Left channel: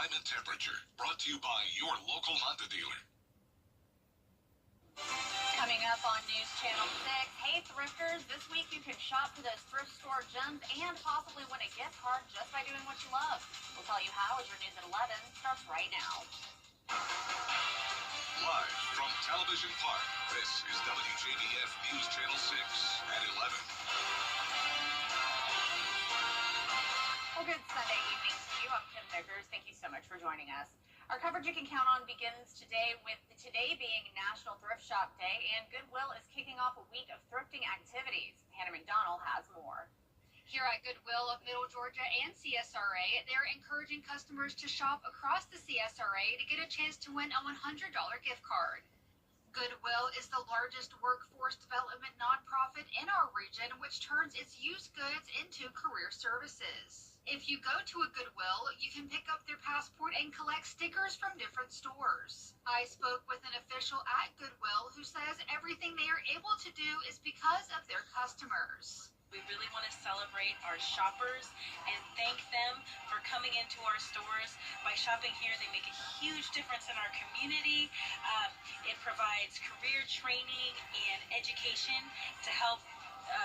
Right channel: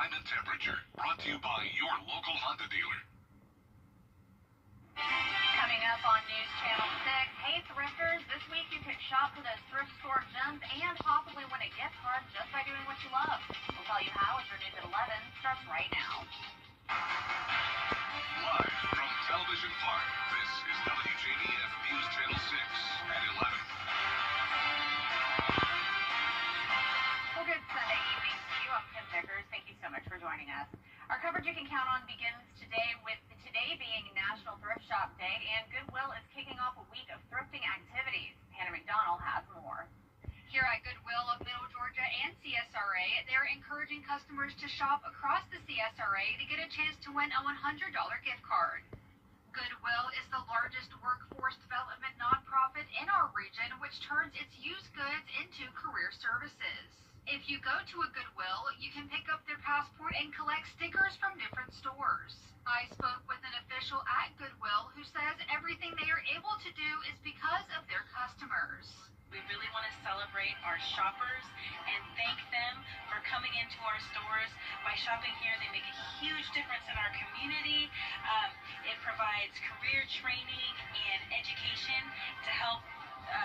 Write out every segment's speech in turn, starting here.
time and temperature. Brought to you by your local Honda dealer. Coming up on News Channel 6, hey thrifters, this week you can shop for those thrift store gems and possibly win a gift card just by doing what you love. We'll tell you how as your news at 11 starts right now. Live from Television Park, this is WJBF News Channel 6 at 11. Well, good Sunday evening to you. I'm Kim Vickers. Thank you so much for joining us. Our coverage you can count on begins today with today being National Thrift Shop Day, and Goodwill is kicking off a week of thrifting activities. Hannah McDonald has more. Here at Goodwill of Middle Georgia and CSRA, they're encouraging customers to shop across the CSRA to get a chance to win a $100 gift card. Goodwill is the largest workforce development nonprofit in our region, which turns its used goods into career services. If you go to a Goodwill, you can pick up their passport and collect stickers from different stores. I spoke with an official at Goodwill who says everything they are able to do is because of their customers. We really want to celebrate our shoppers and thank them for coming into our stores. By shopping here, they make a huge difference in our community. It provides career training and education to help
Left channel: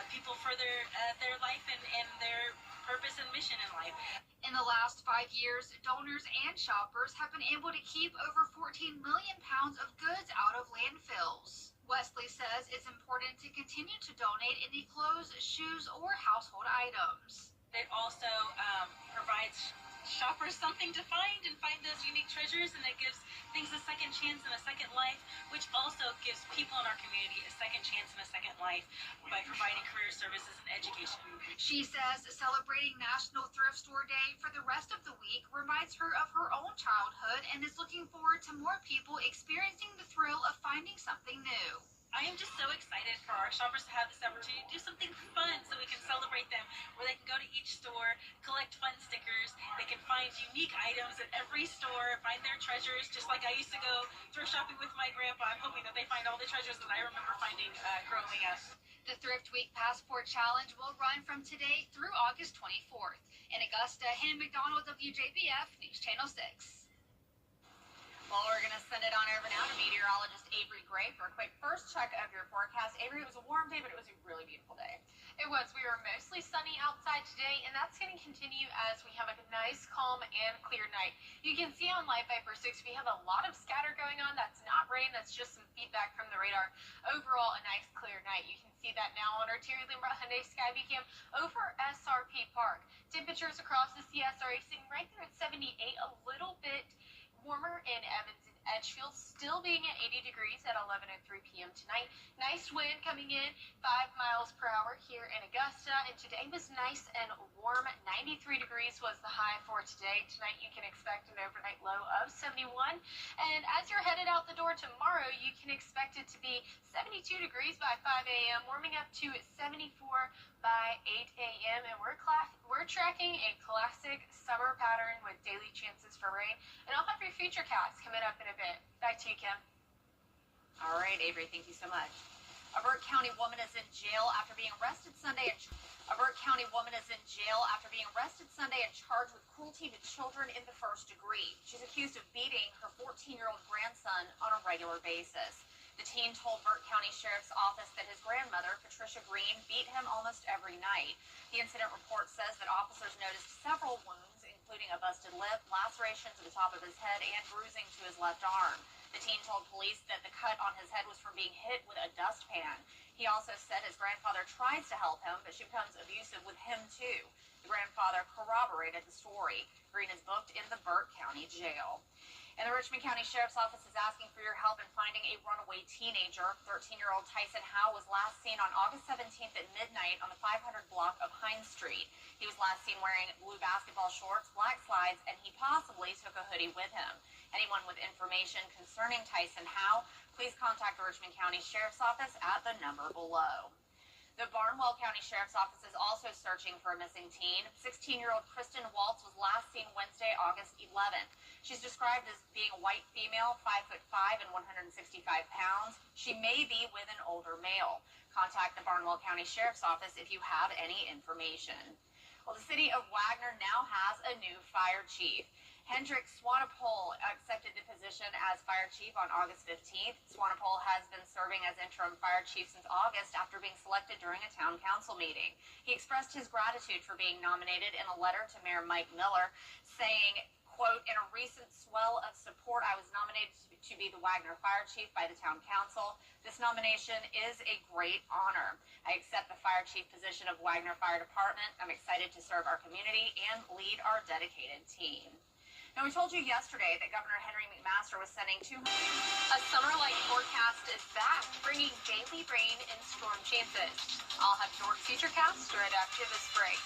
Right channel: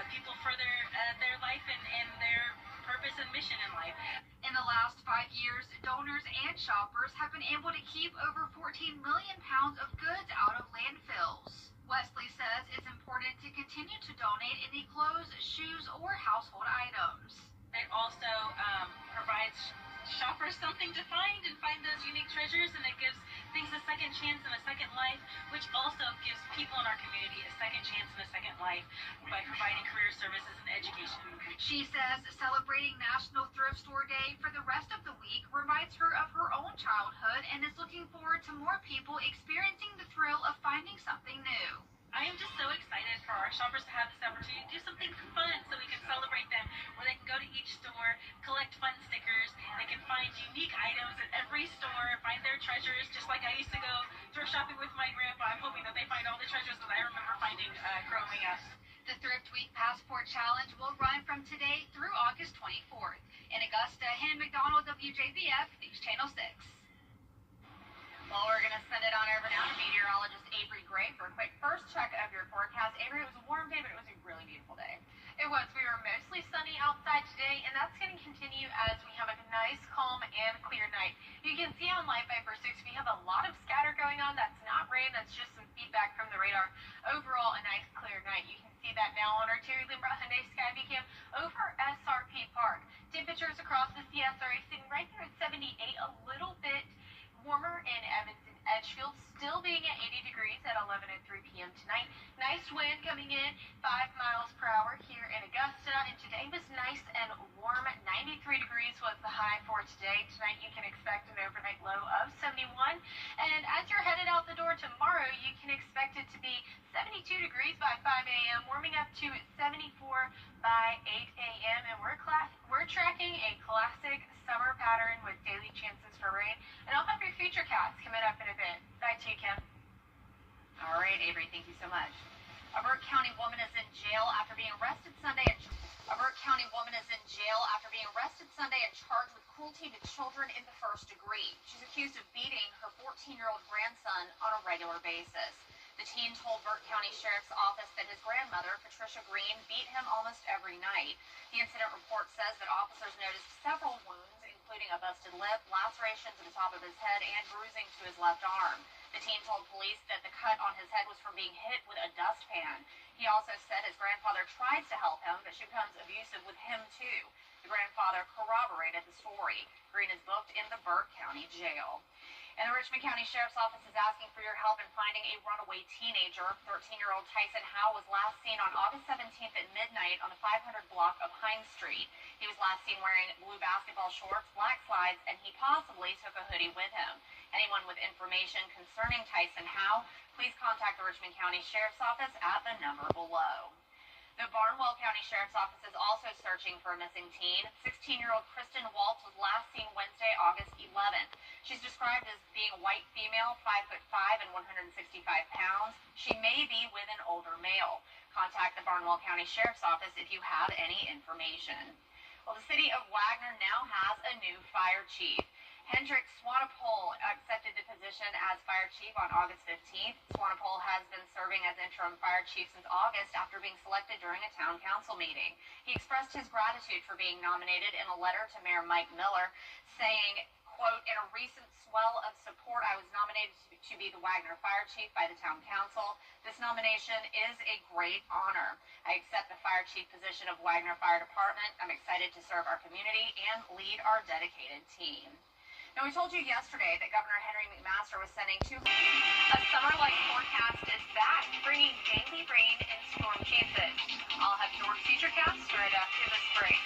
people further their life and their purpose and mission in life. In the last 5 years, donors and shoppers have been able to keep over 14 million pounds of goods out of landfills. Wesley says it's important to continue to donate any clothes, shoes, or household items. It also provides shoppers something to find those unique treasures, and it gives things a second chance and a second life, which also gives people in our community a second chance and a second life by providing career services and education. She says celebrating National Thrift Store Day for the rest of the week reminds her of her own childhood and is looking forward to more people experiencing the thrill of finding something new. I am just so excited for our shoppers to have this opportunity to do something fun so we can celebrate them, where they can go to each store, collect fun stickers, they can find unique items at every store, find their treasures, just like I used to go thrift shopping with my grandpa. I'm hoping that they find all the treasures that I remember finding growing up. The Thrift Week Passport Challenge will run from today through August 24th. In Augusta, Hannah McDonald, WJBF, News Channel 6. Well, we're going to send it on over now to meteorologist Avery Gray for a quick first check of your forecast. Avery, it was a warm day, but it was a really beautiful day. It was. We were mostly sunny outside today, and that's going to continue as we have a nice, calm, and clear night. You can see on Live Viper 6, we have a lot of scatter going on. That's not rain. That's just some feedback from the radar. Overall, a nice, clear night. You can see that now on our Terry Limbrot Hyundai Skyview Cam over SRP Park. Temperatures across the CSRA sitting right there at 78, a little bit warmer in Evans and Edgefield, still being at 80 degrees at 11:03 p.m. tonight. Nice wind coming in, 5 miles per hour here in Augusta, and today was nice and warm. 93 degrees was the high for today. Tonight you can expect an overnight low of 71, and as you're headed out the door tomorrow, you can expect it to be 72 degrees by 5 a.m., warming up to 74 by 8 a.m., and we're tracking a classic summer pattern with daily chances for rain. And I'll have your future cast coming up in a bit. Back to you, Kim. All right, Avery, thank you so much. A Burke County woman is in jail after being arrested Sunday. A Burke County woman is in jail after being arrested Sunday and charged with cruelty to children in the first degree. She's accused of beating her 14-year-old grandson on a regular basis. The teen told Burke County Sheriff's Office that his grandmother, Patricia Green, beat him almost every night. The incident report says that officers noticed several wounds, including a busted lip, lacerations at the top of his head, and bruising to his left arm. The teen told police that the cut on his head was from being hit with a dustpan. He also said his grandfather tries to help him, but she becomes abusive with him too. The grandfather corroborated the story. Green is booked in the Burke County Jail. And the Richmond County Sheriff's Office is asking for your help in finding a runaway teenager. 13-year-old Tyson Howe was last seen on August 17th at midnight on the 500 block of Hines Street. He was last seen wearing blue basketball shorts, black slides, and he possibly took a hoodie with him. Anyone with information concerning Tyson Howe, please contact the Richmond County Sheriff's Office at the number below. The Barnwell County Sheriff's Office is also searching for a missing teen. 16-year-old Kristen Waltz was last seen Wednesday, August 11th. She's described as being a white female, 5'5" and 165 pounds. She may be with an older male. Contact the Barnwell County Sheriff's Office if you have any information. Well, the city of Wagner now has a new fire chief. Hendrik Swanepoel accepted the position as fire chief on August 15th. Swanepoel has been serving as interim fire chief since August after being selected during a town council meeting. He expressed his gratitude for being nominated in a letter to Mayor Mike Miller, saying, quote, "In a recent swell of support, I was nominated to be the Wagner fire chief by the town council. This nomination is a great honor. I accept the fire chief position of Wagner Fire Department. I'm excited to serve our community and lead our dedicated team." Now, we told you yesterday that Governor Henry McMaster was sending A summer-like forecast is back, bringing daily rain and storm chances. I'll have your futurecast right after this break.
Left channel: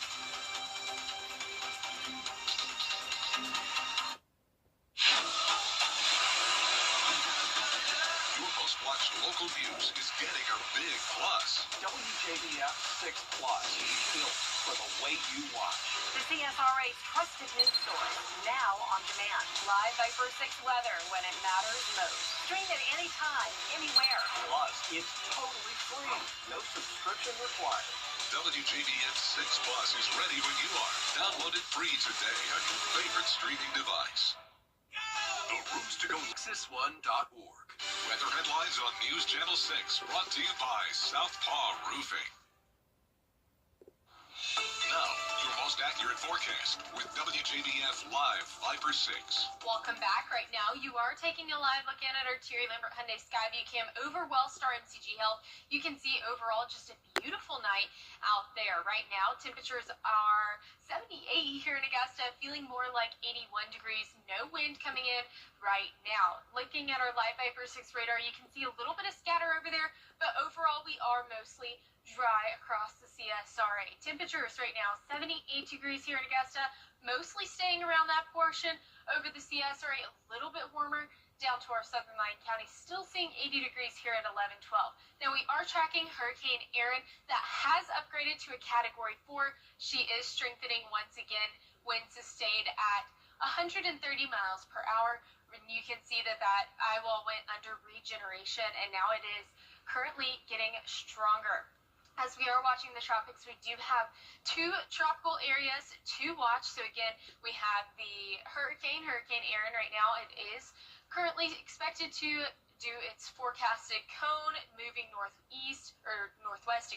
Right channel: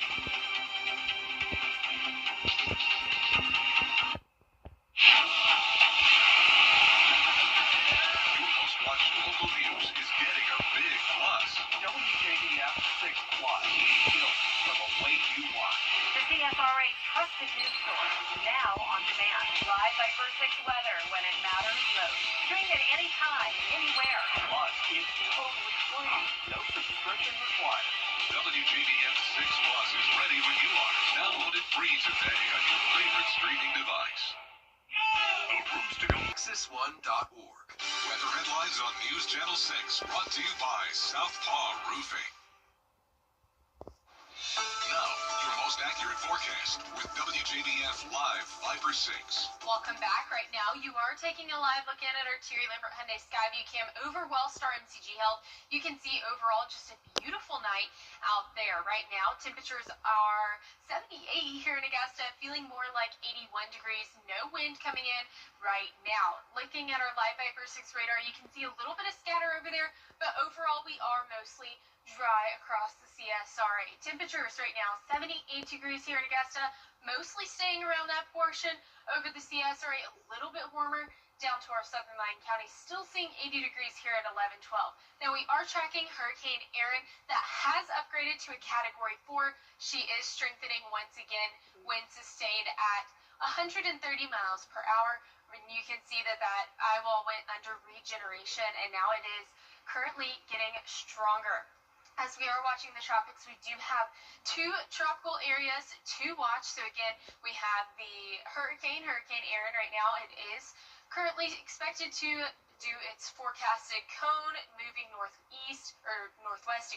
Your most watched local news is getting a big plus. WJBF 6 Plus, built for the way you want. the CSRA's trusted news source, now on demand. Live Viper 6 weather when it matters most. Stream it anytime, anywhere. Plus, it's totally free. No subscription required. WJBF 6 Plus is ready when you are. Download it free today on your favorite streaming device. The rooms to go. Texas1.org. Weather headlines on News Channel 6, brought to you by Southpaw Roofing. Now, your most accurate forecast with WJBF Live Viper 6. Welcome back. Right now, you are taking a live look in at our Terry Lambert Hyundai Skyview Cam over Wellstar MCG Health. You can see overall just a beautiful night out there. Right now, temperatures are 78 here in Augusta, feeling more like 81 degrees. No wind coming in right now. Looking at our Live Viper 6 radar, you can see a little bit of scatter over there, but overall, we are mostly dry across the CSRA. Temperatures right now, 78 degrees here in Augusta, mostly staying around that portion. Over the CSRA, a little bit warmer down to our southern line county, still seeing 80 degrees here at 11-12. Now, we are tracking Hurricane Erin that has upgraded to a Category 4. She is strengthening once again, winds sustained at 130 miles per hour. And you can see that eyewall went under regeneration, and now it is currently getting stronger. As we are watching the tropics, we do have two tropical areas to watch. So again, we have the Hurricane Erin right now. It is currently expected to do its forecasted cone moving northwest,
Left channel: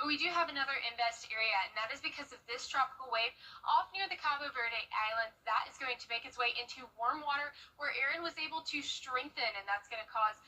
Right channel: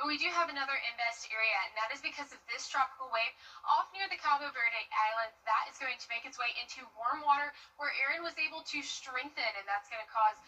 but we do have another invest area, and that is because of this tropical wave off near the Cabo Verde Islands. That is going to make its way into warm water where Erin was able to strengthen, and that's going to cause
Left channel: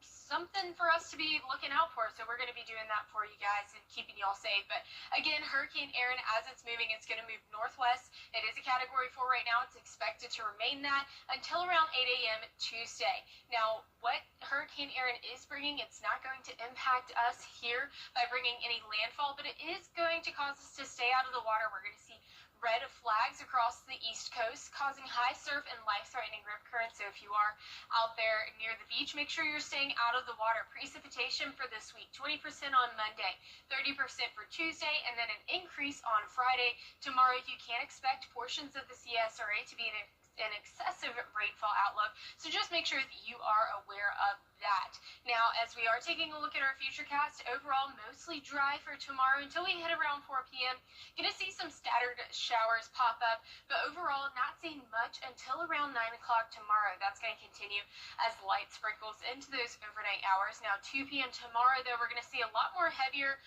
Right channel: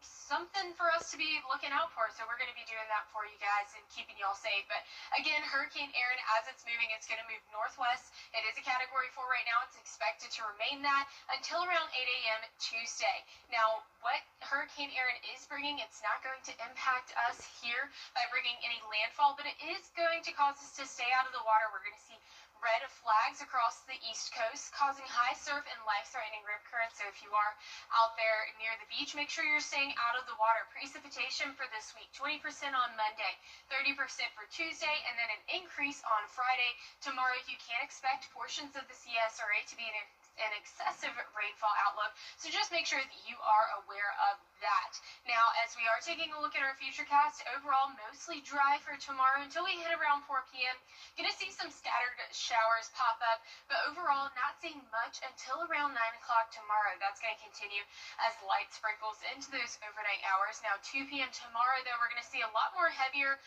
something for us to be looking out for. So we're going to be doing that for you guys and keeping y'all safe. But again, Hurricane Erin, as it's moving, it's going to move northwest. It is a Category 4 right now. It's expected to remain that until around 8 a.m. Tuesday. Now, what Hurricane Erin is bringing, it's not going to impact us here by bringing any landfall, but it is going to cause us to stay out of the water. We're going to see red flags across the East Coast, causing high surf and life-threatening rip currents. So if you are out there near the beach, make sure you're staying out of the water. Precipitation for this week, 20% on Monday, 30% for Tuesday, and then an increase on Friday. Tomorrow, you can expect portions of the CSRA to be an excessive rainfall outlook. So just make sure that you are aware of that. Now, as we are taking a look at our futurecast, overall mostly dry for tomorrow until we hit around 4 p.m. Going to see some scattered showers pop up, but overall not seeing much until around 9 o'clock tomorrow. That's going to continue as light sprinkles into those overnight hours. Now, 2 p.m. tomorrow, though, we're going to see a lot more heavier,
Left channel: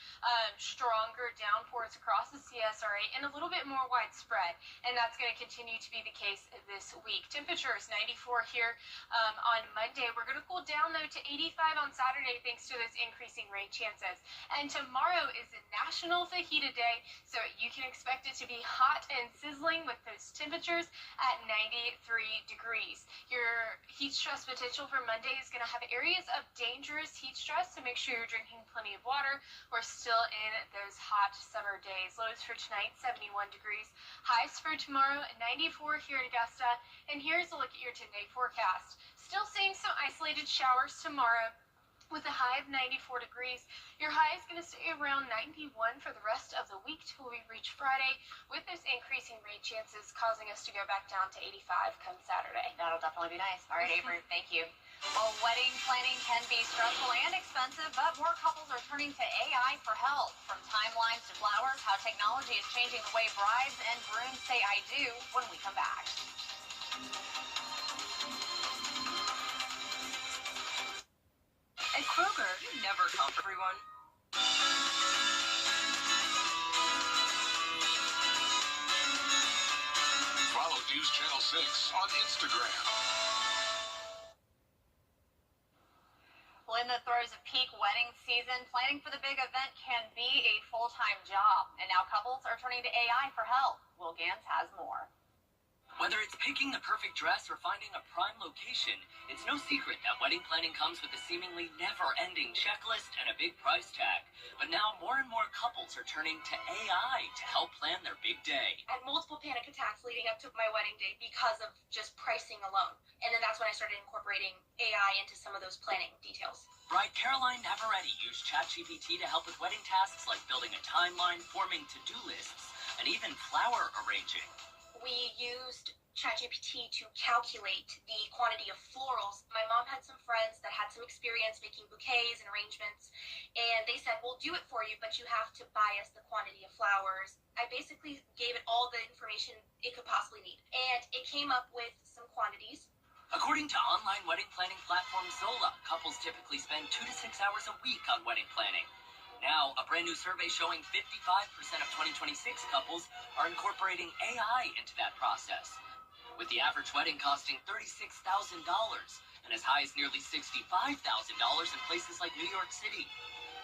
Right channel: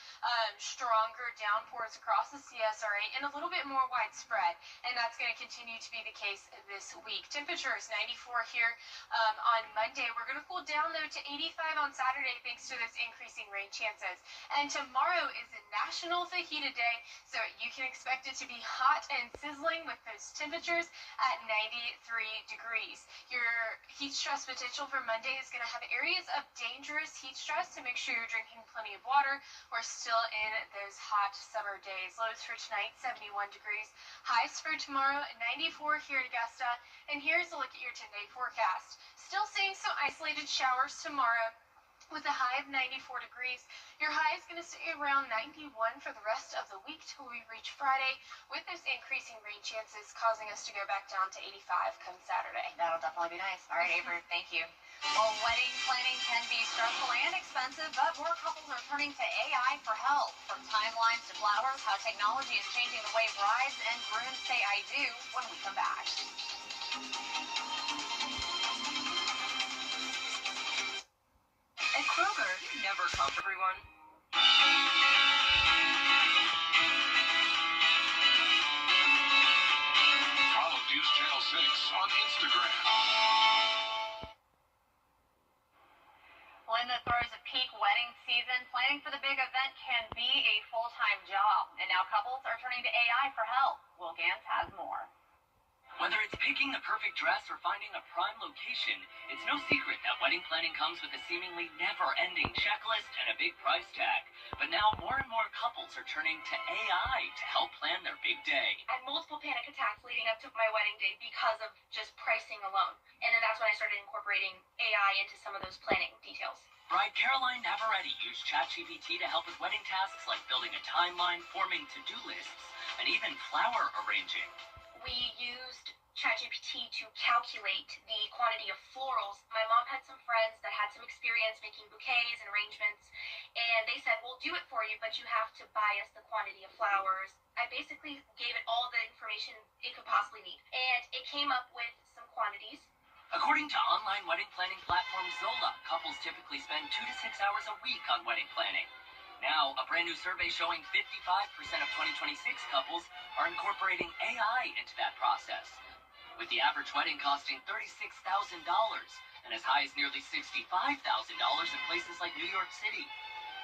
stronger downpours across the CSRA and a little bit more widespread, and that's going to continue to be the case this week. Temperatures 94 here on Monday. We're going to cool down, though, to 85 on Saturday thanks to those increasing rain chances. And tomorrow is a National Fajita Day, so you can expect it to be hot and sizzling with those temperatures at 93 degrees. Your heat stress potential for Monday is going to have areas of dangerous heat stress, so make sure you're drinking plenty of water. We're still in those hot summer days. Lows for tonight, 71 degrees. Highs for tomorrow, 94 here in Augusta. And here's a look at your 10-day forecast. Still seeing some isolated showers tomorrow with a high of 94 degrees. Your high is going to stay around 91 for the rest of the week till we reach Friday, with those increasing rain chances causing us to go back down to 85 come Saturday. That'll definitely be nice. All right, Avery, thank you. Well, wedding planning can be stressful and expensive, but more couples are turning to AI for help. From timelines to flowers, how technology is changing the way brides and grooms say I do when we come back. everyone. Follow News Channel 6 on Instagram. Well, in the throes of peak wedding season, planning for the big event can be a full-time job. And now couples are turning to AI for help. Will Gans has more. Whether it's picking the perfect dress or finding a prime location, it's no secret that wedding planning comes with a seemingly never-ending checklist and a big price tag. But now more and more couples are turning to AI to help plan their big day. I had multiple panic attacks leading up to my wedding day because of just pricing alone. And then that's when I started incorporating AI into some of those planning details. Bride Caroline Navarrete used ChatGPT to help with wedding tasks like building a timeline, forming to-do lists, and even flower arranging. We used ChatGPT to calculate the quantity of florals. My mom had some friends that had some experience making bouquets and arrangements, and they said, we'll do it for you, but you have to buy us the quantity of flowers. I basically gave it all the information it could possibly need, and it came up with some quantities. According to online wedding planning platform Zola, couples typically spend 2 to 6 hours a week on wedding planning. Now, a brand new survey showing 55% of 2026 couples are incorporating AI into that process, with the average wedding costing $36,000 and as high as nearly $65,000 in places like New York City.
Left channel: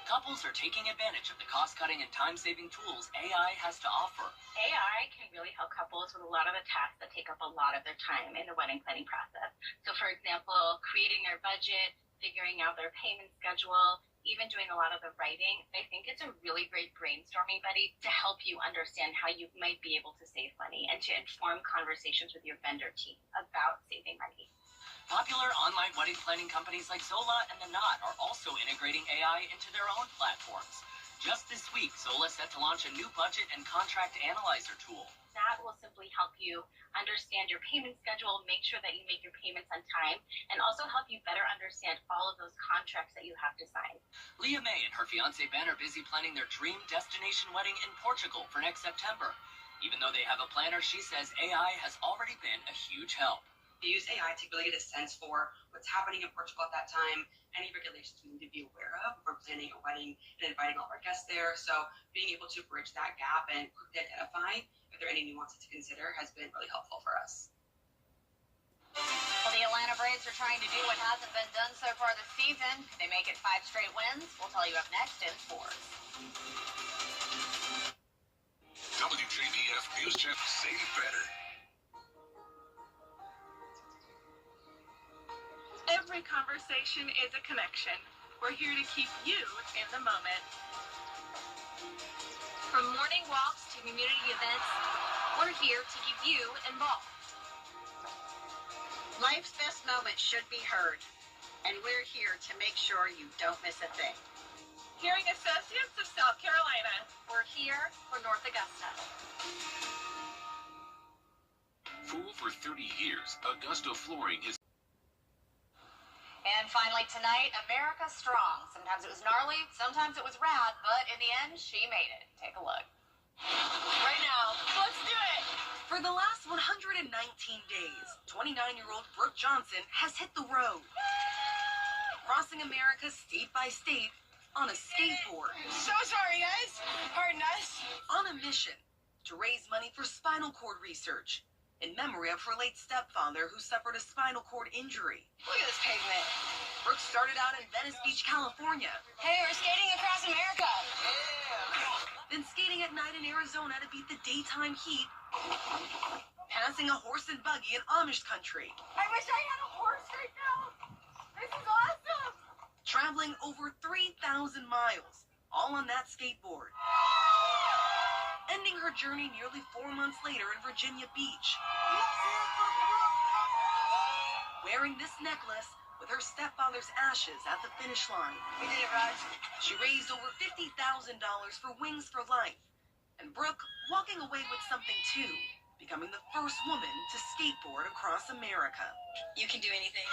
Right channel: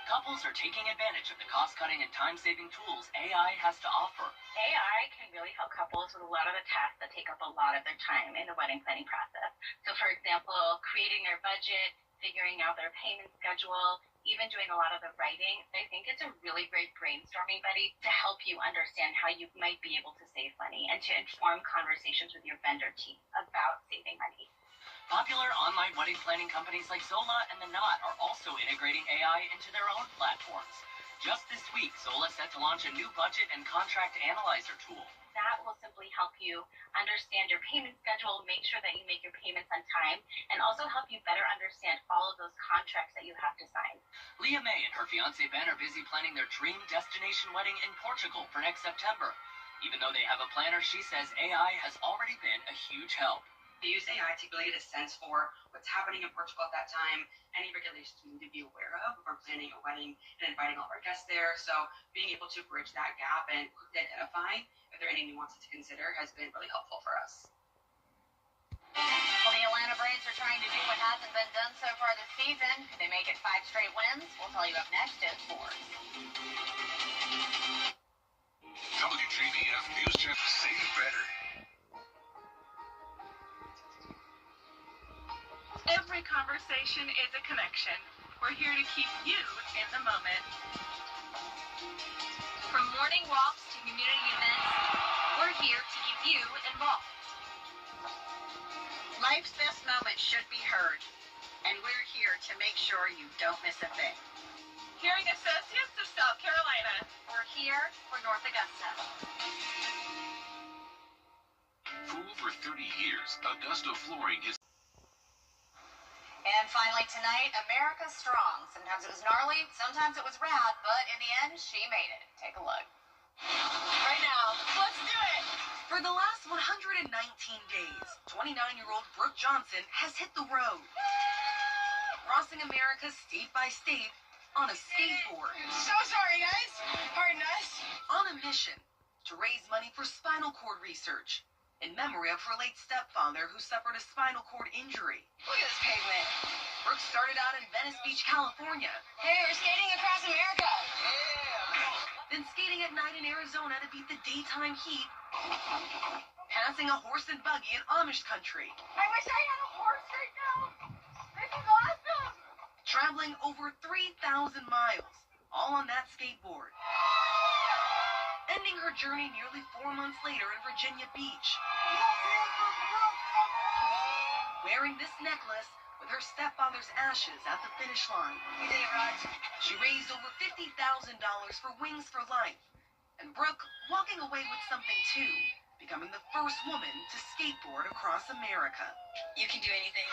Couples are taking advantage of the cost-cutting and time-saving tools AI has to offer. AI can really help couples with a lot of the tasks that take up a lot of their time in the wedding planning process. So, for example, creating their budget, figuring out their payment schedule, even doing a lot of the writing. I think it's a really great brainstorming buddy to help you understand how you might be able to save money and to inform conversations with your vendor team about saving money. Popular online wedding planning companies like Zola and The Knot are also integrating AI into their own platforms. Just this week, Zola set to launch a new budget and contract analyzer tool. That will simply help you understand your payment schedule, make sure that you make your payments on time, and also help you better understand all of those contracts that you have to sign. Leah May and her fiancé Ben are busy planning their dream destination wedding in Portugal for next September. Even though they have a planner, she says AI has already been a huge help. We use AI to really get a sense for what's happening in Portugal at that time, any regulations we need to be aware of if we're planning a wedding and inviting all of our guests there. So being able to bridge that gap and quickly identify if there are any nuances to consider has been really helpful for us. Well, the Atlanta Braves are trying to do what hasn't been done so far this season. They make it 5 straight wins. We'll tell you up next in sports. WJBF News Channel. Save better. Every conversation is a connection. We're here to keep you in the moment. From morning walks to community events, we're here to keep you involved. Life's best moments should be heard, and we're here to make sure you don't miss a thing. Hearing Associates of South Carolina. We're here for North Augusta. For over 30 years, Augusta Flooring is. And finally tonight, America Strong. Sometimes it was gnarly, sometimes it was rad, but in the end, she made it. Take a look. Right now, let's do it! For the last 119 days, 29-year-old Brooke Johnson has hit the road, crossing America state by state on a skateboard. So sorry, guys. Pardon us. On a mission to raise money for spinal cord research in memory of her late stepfather who suffered a spinal cord injury. Look at this pavement. Brooke started out in Venice Beach, California, Hey, we're skating across America. then skating at night in Arizona to beat the daytime heat, passing a horse and buggy in Amish country, I wish I had a horse right now. This is awesome. traveling over 3,000 miles, all on that skateboard. Ending her journey nearly 4 months later in Virginia Beach, wearing this necklace with her stepfather's ashes at the finish line. We did it, Raj. She raised over $50,000 for Wings for Life, and Brooke walking away with something too, becoming the first woman to skateboard across America. You can do anything.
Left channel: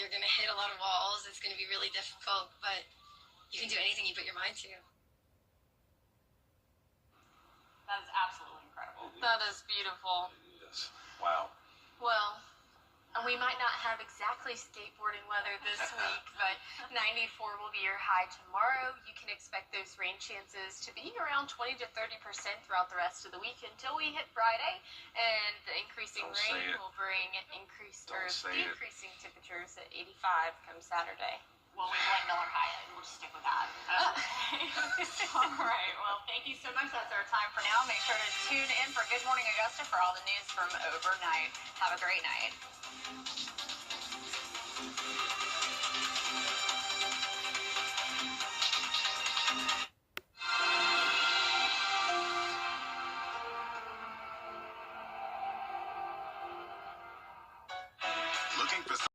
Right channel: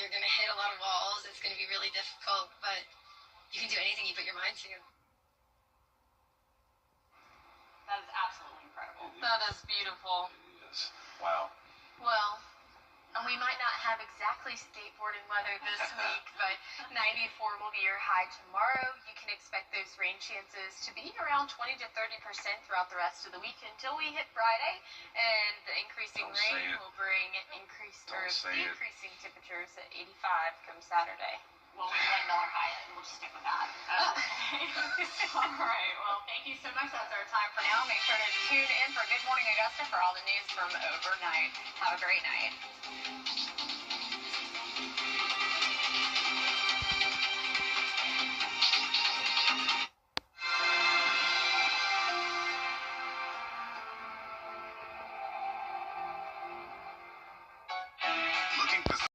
You're going to hit a lot of walls. It's going to be really difficult, but you can do anything you put your mind to. That is absolutely incredible. That is beautiful. Yes. Wow. Well, and we might not have exactly likely skateboarding weather this week, but 94 will be your high tomorrow. You can expect those rain chances to be around 20 to 30% throughout the rest of the week until we hit Friday, and the increasing rain will bring decreasing temperatures at 85 come Saturday. Well, we like Miller High, and we'll just stick with that. All right. Well, thank you so much. That's our time for now. Make sure to tune in for Good Morning Augusta for all the news from overnight. Have a great night.